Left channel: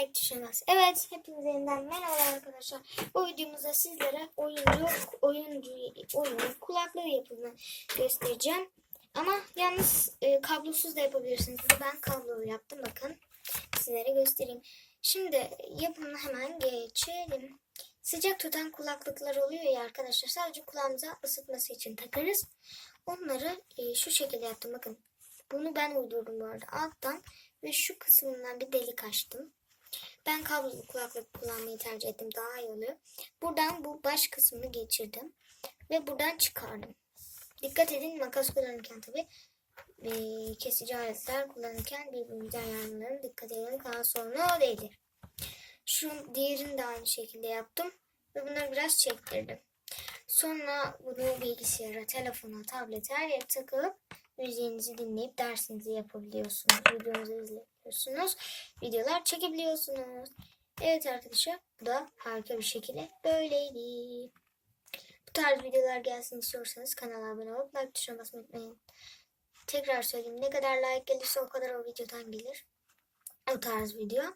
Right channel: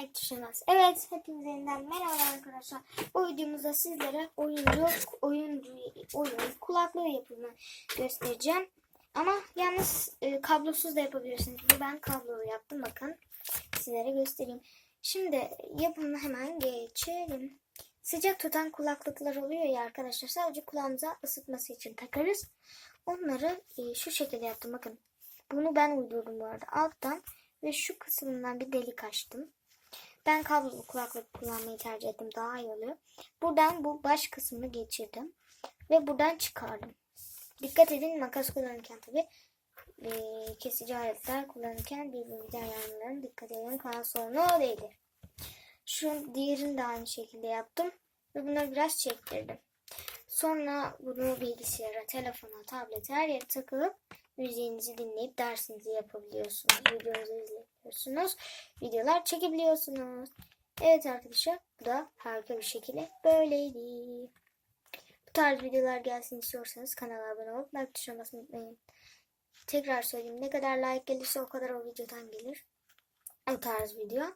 like tuşuna. Evet hepinize yeniden merhaba arkadaşlar. Bu videomuzda sizlere oyuncu oyuncu oyun kulaklığı yapımını göstereceğim. Ama yalnız e, kablosuz da yapabilirsiniz. Ben kablolu yaptım bakın. Sizlere göstereyim. Şimdi yapımına hemen geçelim. Sıcak tutan kulaklıklar oluyor ya arkadaşlar. Sadece kulağımıza ısıtması için takarız. Onları e, şu şekilde yaptım bakın. Bunu ben uydurdum bu arada. Alttan ve şu kısmından bir delik açtım. Ben kablolu kulaklık kullanmayı tercih ettim. Daha iyi oluyor. Buradan bu baş kısmını geçirdim. Ve buradan çıkardım. Dikkat edin makas kullanırken tabi e, kesici aletler kullanırken birbirimize ayarlarına dikkat edin. Kan sorunu o değildir. Şu diğerini de aynı şekilde yaptım. Ve bunları biraz çektirdim. Sonra bunu bilgisayara, telefona, tablete her yere takıp müziğinizi dinleyip dersinizi yapabiliyorsunuz. Videonuzu izleyebiliyorsunuz. Videolar çekebiliyorsunuz. Evet arkadaşlar bu da harika bir şekilde böyleydi. Bu tarz videolar gelsin istiyorsanız kanala abone olup like tuşuna basmayı unutmayın. Tekrar söyleyeyim ne kadar like gelirse o kadar o videodan gelir. O tarz video.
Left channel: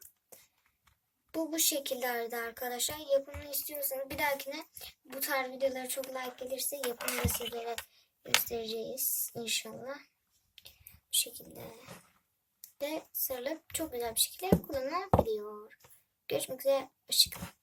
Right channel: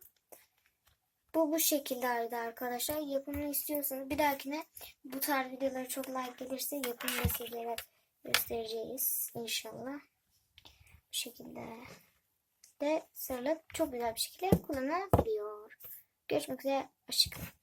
Bu bu şekildeydi arkadaşlar. Yapımını istiyorsanız bir dahakine bu tarz videolara çok like gelirse yapımını sizlere göstereceğiz inşallah. Bu şekilde de sarılıp çok güzel bir şekilde kullanılabiliyor. Görüşmek üzere. Hoşçakalın.